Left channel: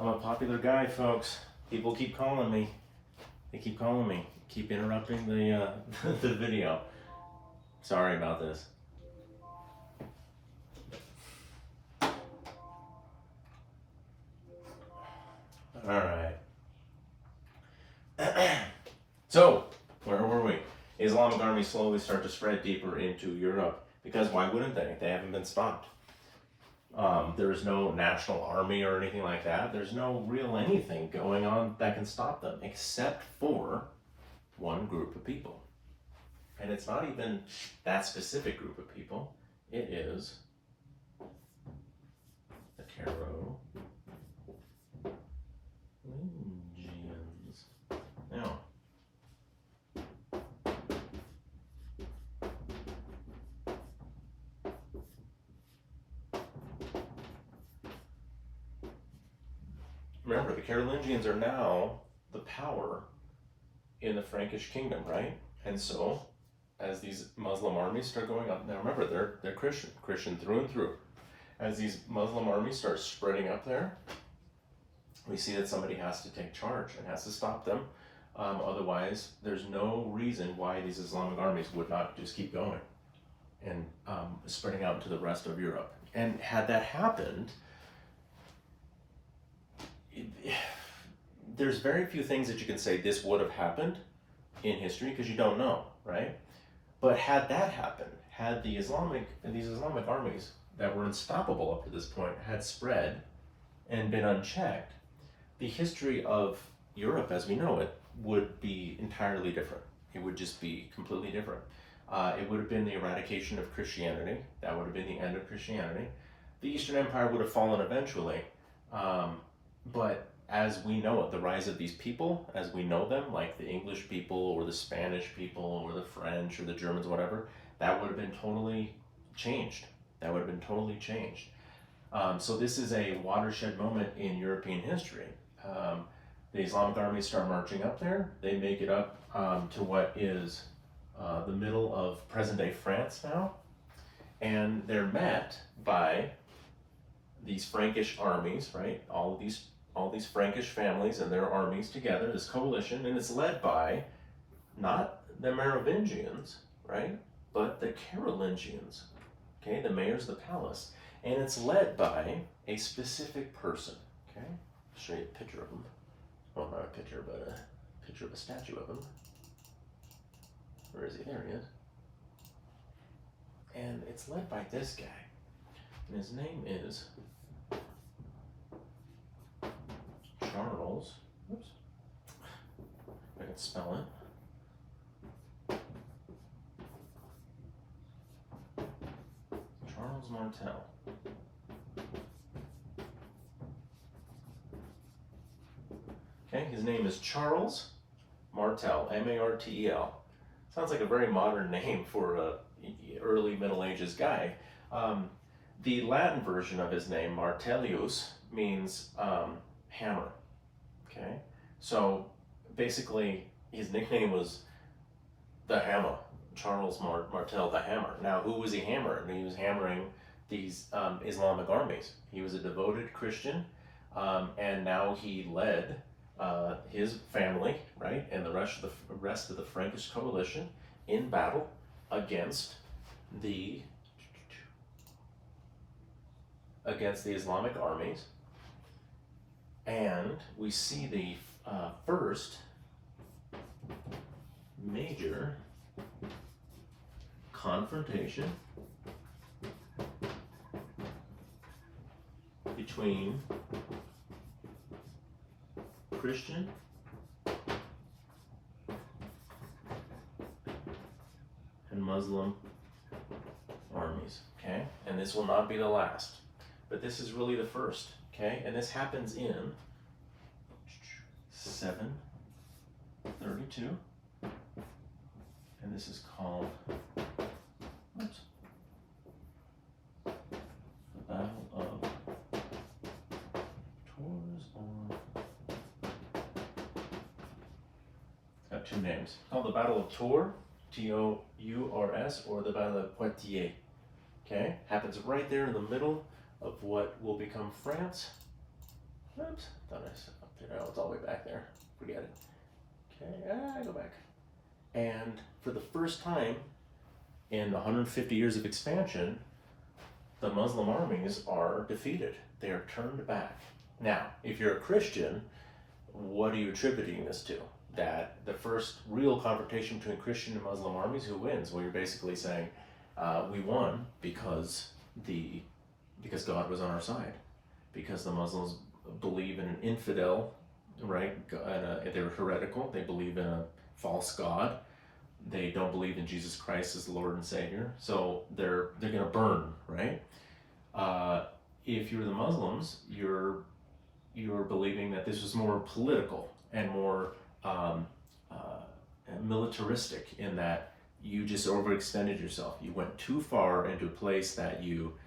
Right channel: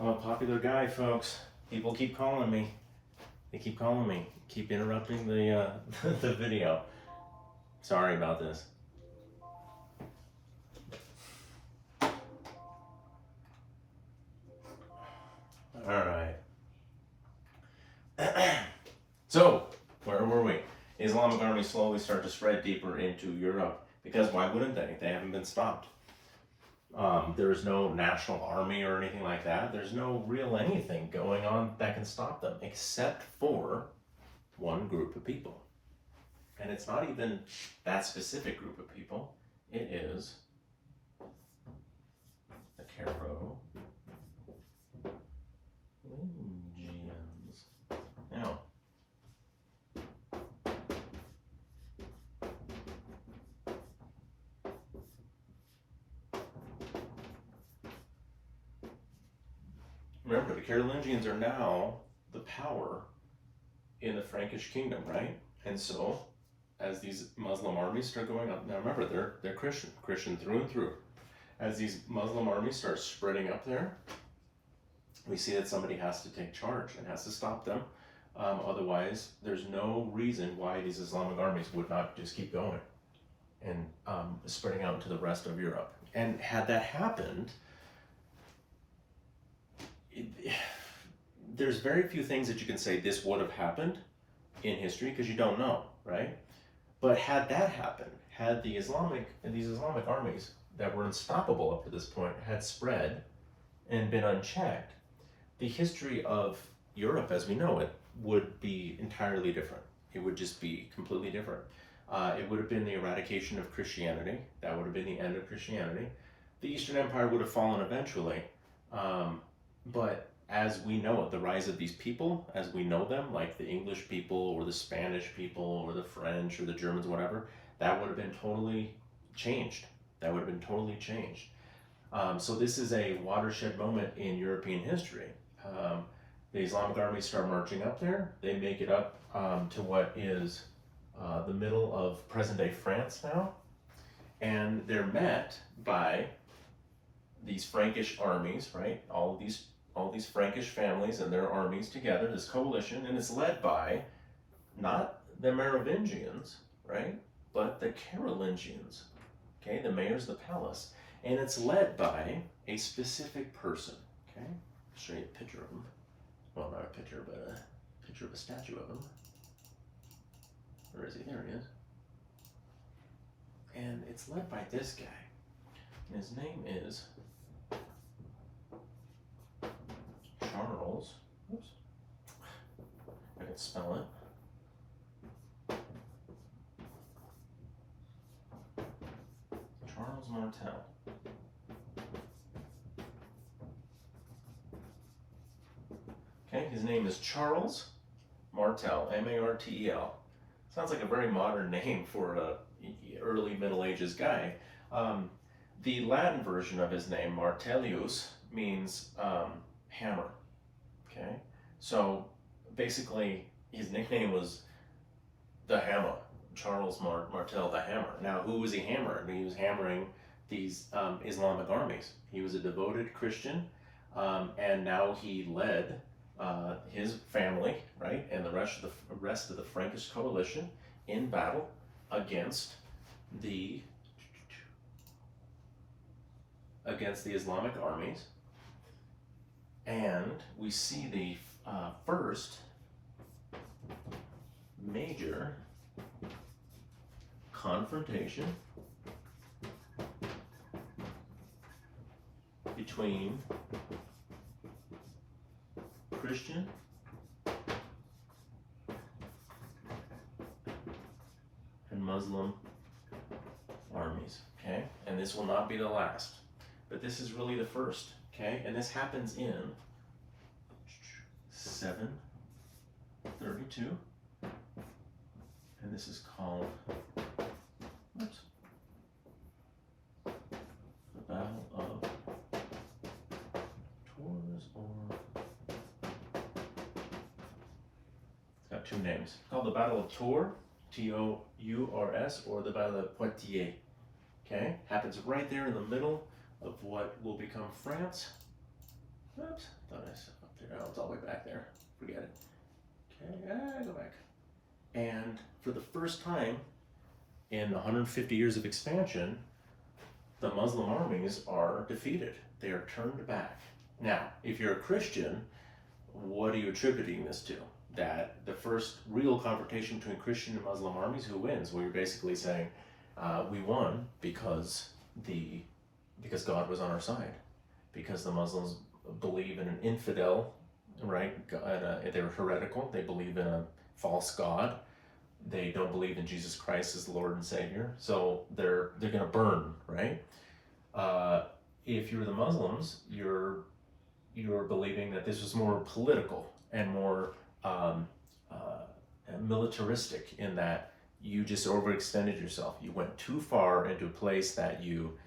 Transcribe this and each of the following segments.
I'm a popular guy, folks. People keep calling me. They keep calling me. Keep interrupting the the video. Sorry about this. All right. So, where were we? Islamic armies slowly start to spread deeper into Europe because why wouldn't they? They haven't been stopped. There is no national army or anything like that. There's no real anything going on that can stop them except for one group of people. And it's not even that specific group of people. It is the Carolingians. Now, remember, the Carolingians are now the power in the Frankish kingdom, right? And so, as these Muslim armies start going up, now remember, they're Christian through and through. As these Muslim armies start spreading up there, we see that somebody has to take charge and has to stop them. Otherwise, there's no reason why these Islamic armies would not just keep going and spreading out into the rest of Europe. And had that happened, there's very few things that you can say this would have happened in history because you don't know, right? But had that happened, had these Islamic armies that were unstoppable up to this point had spread and been unchecked, the history of Europe as we know it would be entirely different. It would just be completely different. It would have been the eradication of Christianity. That would have been the end of Christianity. The Eastern Empire would have fallen eventually. But as we know it, the rise of these people, as we know them, like the English people or the Spanish people or the French or the Germans, whatever, that would have been totally changed. That would have been totally changed. So this is a watershed moment in European history. The Islamic armies start marching up there. They make it up to what is the middle of present-day France now. And they're met by these Frankish armies, right? All these Frankish families and their armies together, this coalition, and it's led by not the Merovingians, right? But the Carolingians, okay? The mayors of the palace. And it's led by a specific person, okay? I'll show you a picture of him. Well, not a picture, but a picture of a statue of him. Where is he? There he is. And it's led by this guy. And his name is Charles. Oops. I can spell it. Charles Martel. Okay, his name is Charles Martel, M-A-R-T-E-L. Sounds like a very modern name for a early Middle Ages guy. The Latin version of his name, Martellius, means hammer. Okay, so basically his nickname was the Hammer, Charles Martel, the Hammer. Now, who was he hammering? He was hammering these Islamic armies. He was a devoted Christian, and now he led his family, right, and the rest of the Frankish coalition in battle against the Islamic armies. And we see the first major confrontation between Christian and Muslim armies, okay? And this will not be the last, but this is really the first, okay? And this happens in 732, and this is called, oops, the Battle of Tours, or it's got two names. It's called the Battle of Tours, T-O-U-R-S, or the Battle of Poitiers. Okay, happens right there in the middle of what will become France. Oops, thought I said up there. Oh, it's all the way back there. Forget it. Okay, go back. And for the first time in 150 years of expansion, the Muslim armies are defeated. They are turned back. Now, if you're a Christian, what are you attributing this to? That the first real confrontation between Christian and Muslim armies, who wins? Well, you're basically saying we won because God was on our side, because the Muslims believe in an infidel, right? They're heretical. They believe in a false god. They don't believe in Jesus Christ as the Lord and Savior. So they're going to burn, right? If you're the Muslims, you're believing that this was more political and more militaristic, in that you just overextended yourself. You went too far into a place that you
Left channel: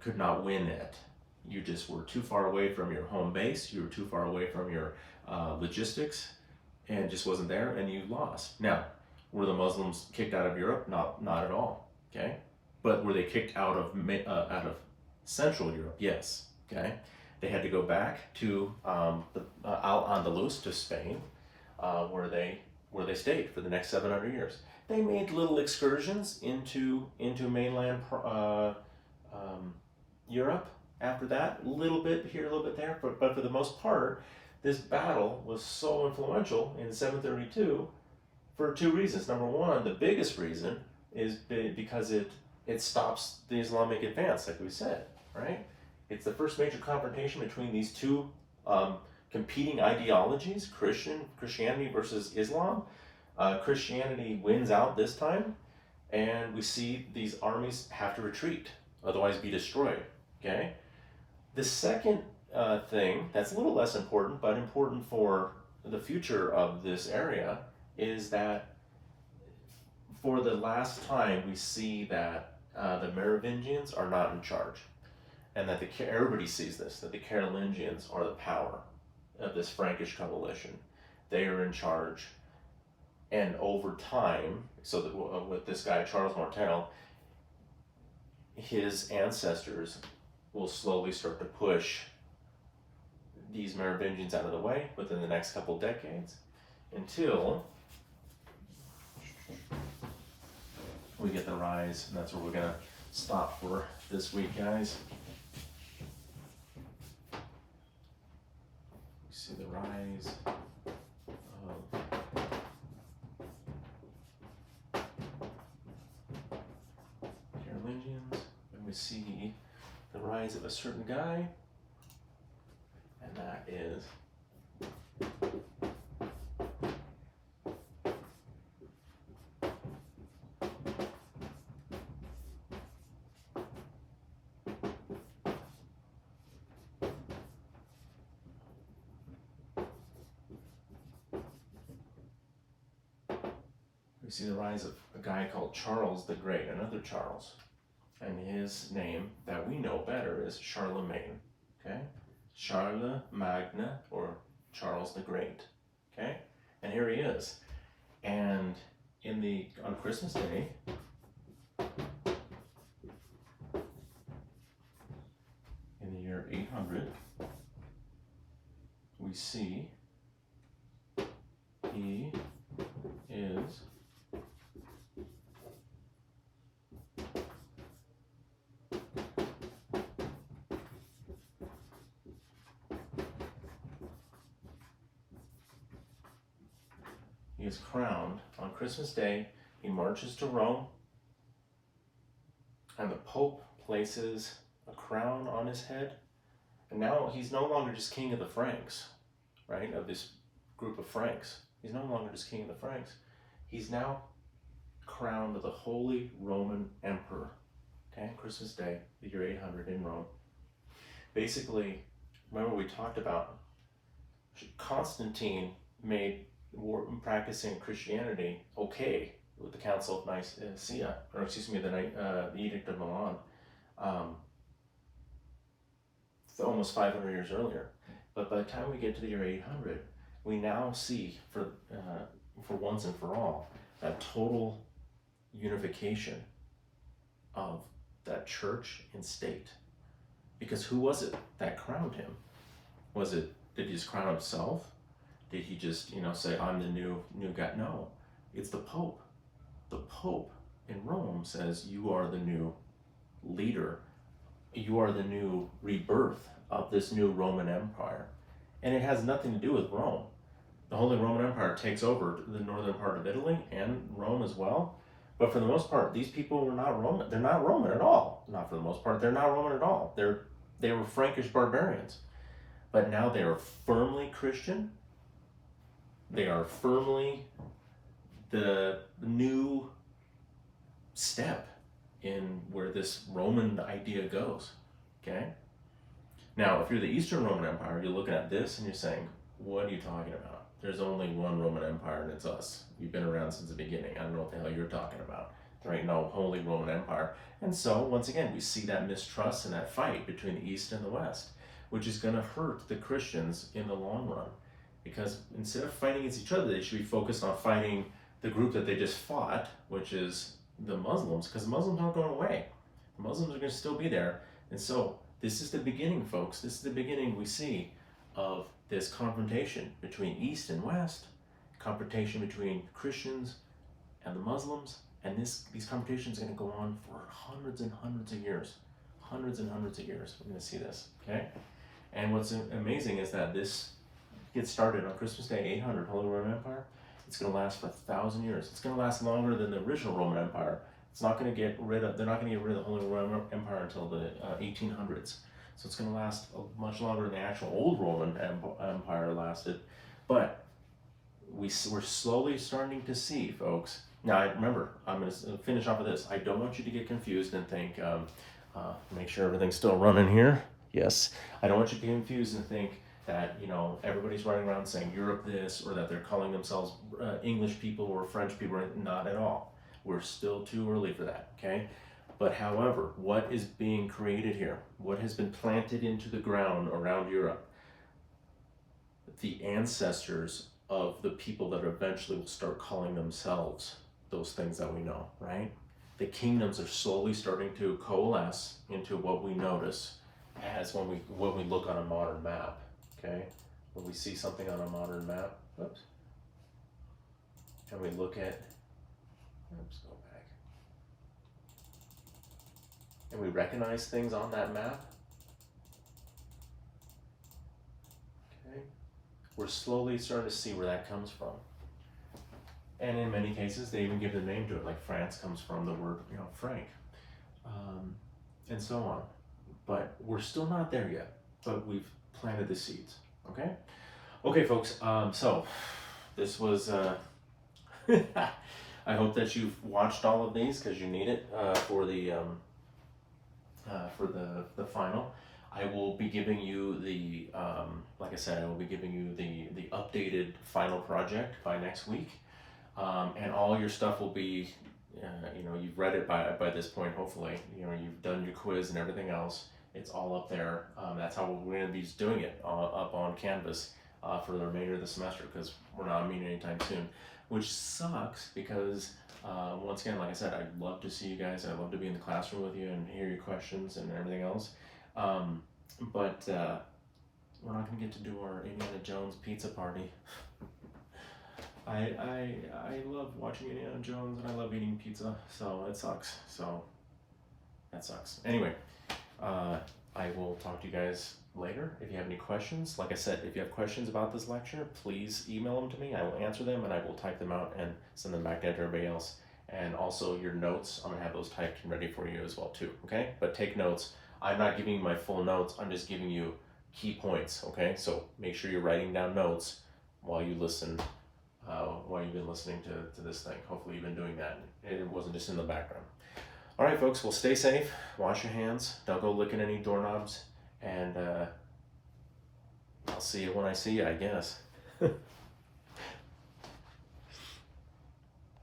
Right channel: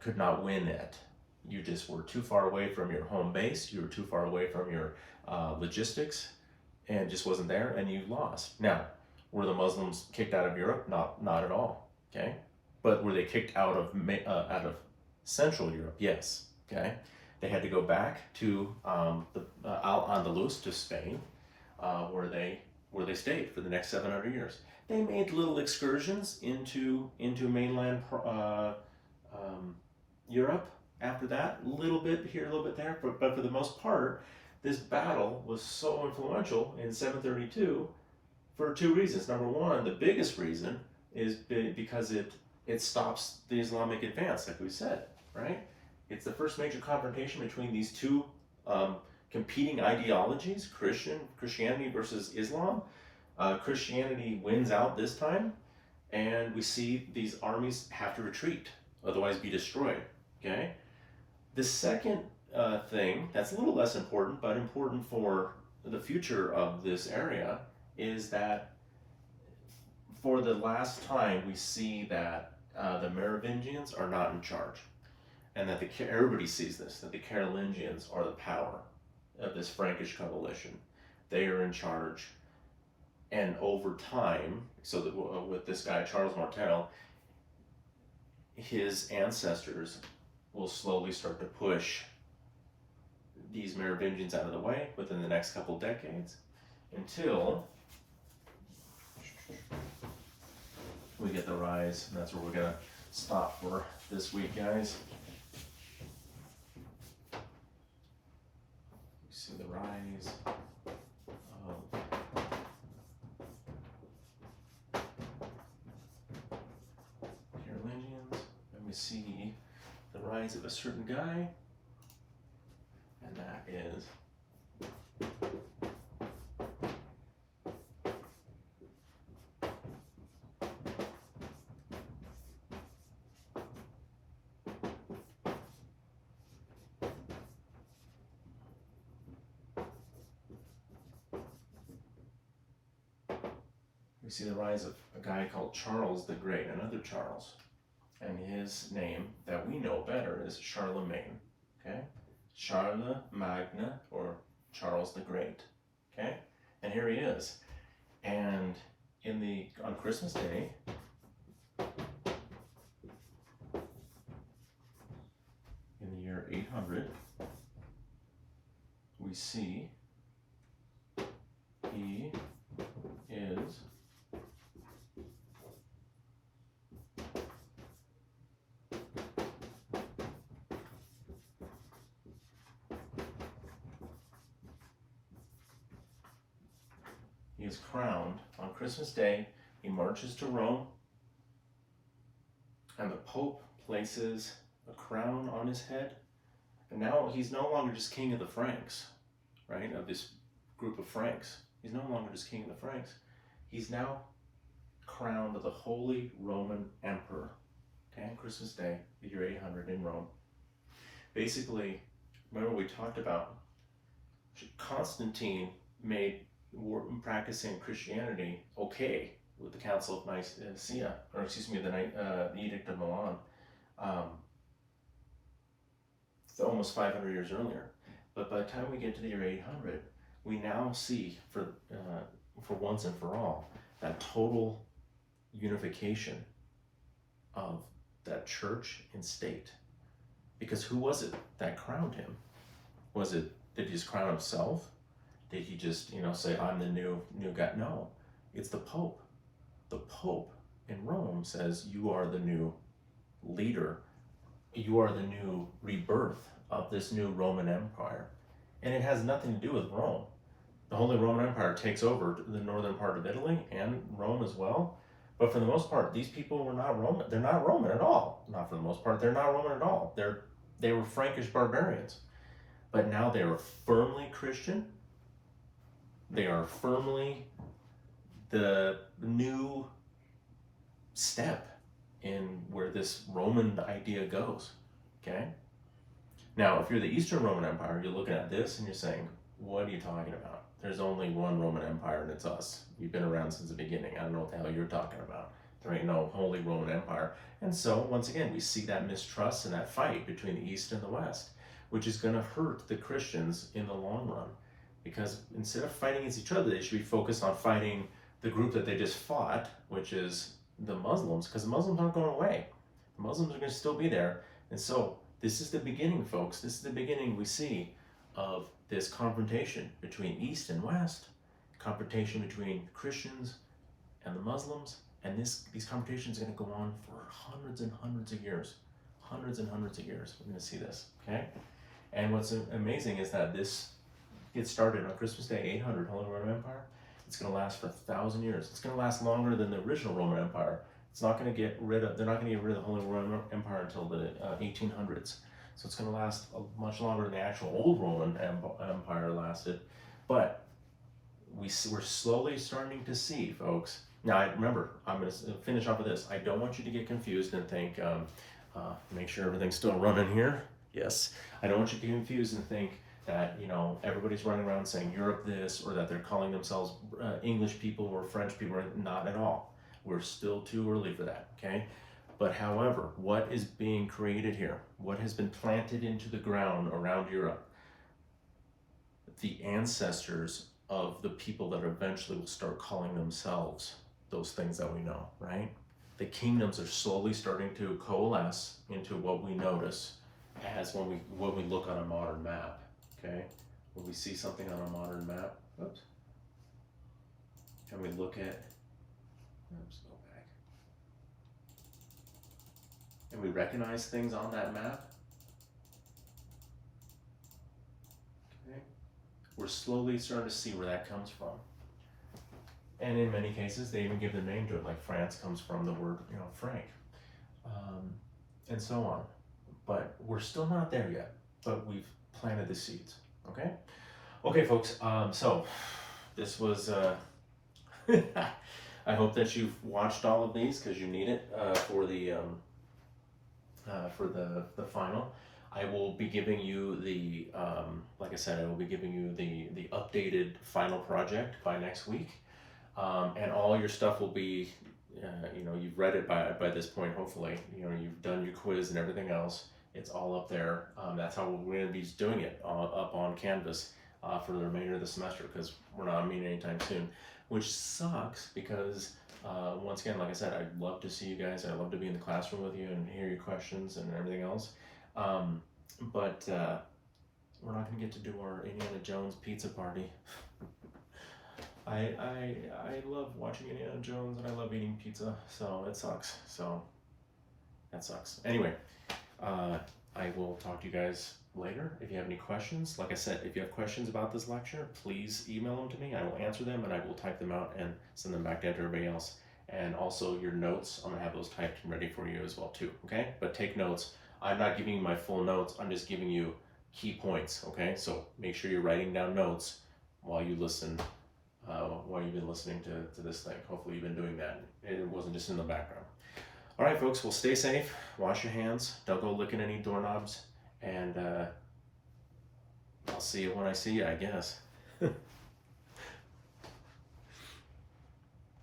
could not win at. You just were too far away from your home base. You were too far away from your logistics, and just wasn't there, and you lost. Now, were the Muslims kicked out of Europe? Not at all. Okay, but were they kicked out of Central Europe? Yes. Okay, they had to go back to Al-Andalus, to Spain, where they stayed for the next 700 years. They made little excursions into mainland Europe after that, a little bit here, a little bit there, but for the most part, this battle was so influential in 732 for two reasons. Number one, the biggest reason is because it stops the Islamic advance, like we said, right? It's the first major confrontation between these two competing ideologies, Christianity versus Islam. Christianity wins out this time, and we see these armies have to retreat, otherwise be destroyed, okay? The second thing that's a little less important, but important for the future of this area, is that for the last time we see that the Merovingians are not in charge, and that everybody sees this, that the Carolingians are the power of this Frankish coalition. They are in charge, and over time, so that with this guy Charles Martel, his ancestors will slowly start to push these Merovingians out of the way within the next couple decades, until we get the rise, and that's where we're gonna stop for this week, guys. We see the rise of Carolingians, and we see the rise of a certain guy, and that is we see the rise of a guy called Charles the Great, another Charles. And his name that we know better is Charlemagne, okay? Charlemagne, or Charles the Great, okay? And here he is. And on Christmas Day, in the year 800, we see he is crowned on Christmas Day. He marches to Rome, and the Pope places a crown on his head. And now he's no longer just king of the Franks, right? Of this group of Franks. He's no longer just king of the Franks. He's now crowned the Holy Roman Emperor, okay? Christmas Day, the year 800 in Rome. Basically, remember we talked about Constantine made practicing Christianity okay with the Council of Nicaea, or excuse me, the Edict of Milan, almost 500 years earlier. But by the time we get to the year 800, we now see, for once and for all, that total unification of that church and state. Because who was it that crowned him? Was it, did he just crown himself? Did he just, say, I'm the new guy? No, it's the Pope. The Pope in Rome says, you are the new leader. You are the new rebirth of this new Roman Empire. And it has nothing to do with Rome. The Holy Roman Empire takes over the northern part of Italy and Rome as well. But for the most part, these people were not Roman. They're not Roman at all. Not for the most part. They're not Roman at all. They were Frankish barbarians. But now they are firmly Christian. They are firmly the new step in where this Roman idea goes. Okay? Now, if you're the Eastern Roman Empire, you're looking at this and you're saying, what are you talking about? There's only one Roman Empire and it's us. We've been around since the beginning. I don't know what the hell you're talking about. There ain't no Holy Roman Empire. And so, once again, we see that mistrust and that fight between the East and the West, which is going to hurt the Christians in the long run. Because instead of fighting against each other, they should be focused on fighting the group that they just fought, which is the Muslims, because the Muslims aren't going away. The Muslims are going to still be there. And so, this is the beginning, folks. This is the beginning we see of this confrontation between East and West, confrontation between Christians and the Muslims, and these confrontations are going to go on for hundreds and hundreds of years. Hundreds and hundreds of years. We're going to see this, okay? And what's amazing is that this gets started on Christmas Day, 800, Holy Roman Empire. It's going to last for 1,000 years. It's going to last longer than the original Roman Empire. It's not going to get rid of, they're not going to get rid of the Holy Roman Empire until the 1800s. So it's going to last much longer than the actual old Roman Empire lasted. But we're slowly starting to see, folks. Now, remember, I'm going to finish off with this. I don't want you to get confused and think, make sure everything's still running here. Yes. I don't want you to get confused and think that, everybody's running around saying Europe this, or that they're calling themselves English people or French people. Not at all. We're still too early for that, okay? But however, what is being created here? What has been planted into the ground around Europe? The ancestors of the people that eventually will start calling themselves those things that we know, right? The kingdoms are slowly starting to coalesce into what we notice as when we look on a modern map, okay? When we see something on a modern map, oops, and we look at, oops, go back, and we recognize things on that map, okay? We're slowly starting to see where that comes from. And in many cases, they even give the name to it, like France comes from the word, Frank, and so on. But we're still not there yet, but we've planted the seeds, okay? Okay, folks, so this was, I hope that you've watched all of these because you need it for the final. I will be giving you the, like I said, I will be giving you the updated final project by next week. And all your stuff will be, you've read it by this point, hopefully. You've done your quiz and everything else. It's all up there. That's how we're going to be doing it, up on Canvas for the remainder of the semester, because we're not meeting anytime soon, which sucks because, once again, like I said, I'd love to see you guys. I'd love to be in the classroom with you and hear your questions and everything else. But we're not going to get to do our Indiana Jones pizza party. I love watching Indiana Jones and I love eating pizza, so it sucks. So that sucks. Anyway, I will talk to you guys later. If you have any questions, like I said, if you have questions about this lecture, please email them to me. I will answer them and I will type them out and send them back to everybody else. And also your notes, I'm gonna have those typed and ready for you as well too, okay? But take notes. I'm not giving you my full notes, I'm just giving you key points, okay? So make sure you're writing down notes while you listen, while you've been listening to this thing. Hopefully you've been doing that. It wasn't just in the background. All right, folks, well, stay safe, wash your hands, don't go licking any doorknobs, and I'll see you when I see you, I guess.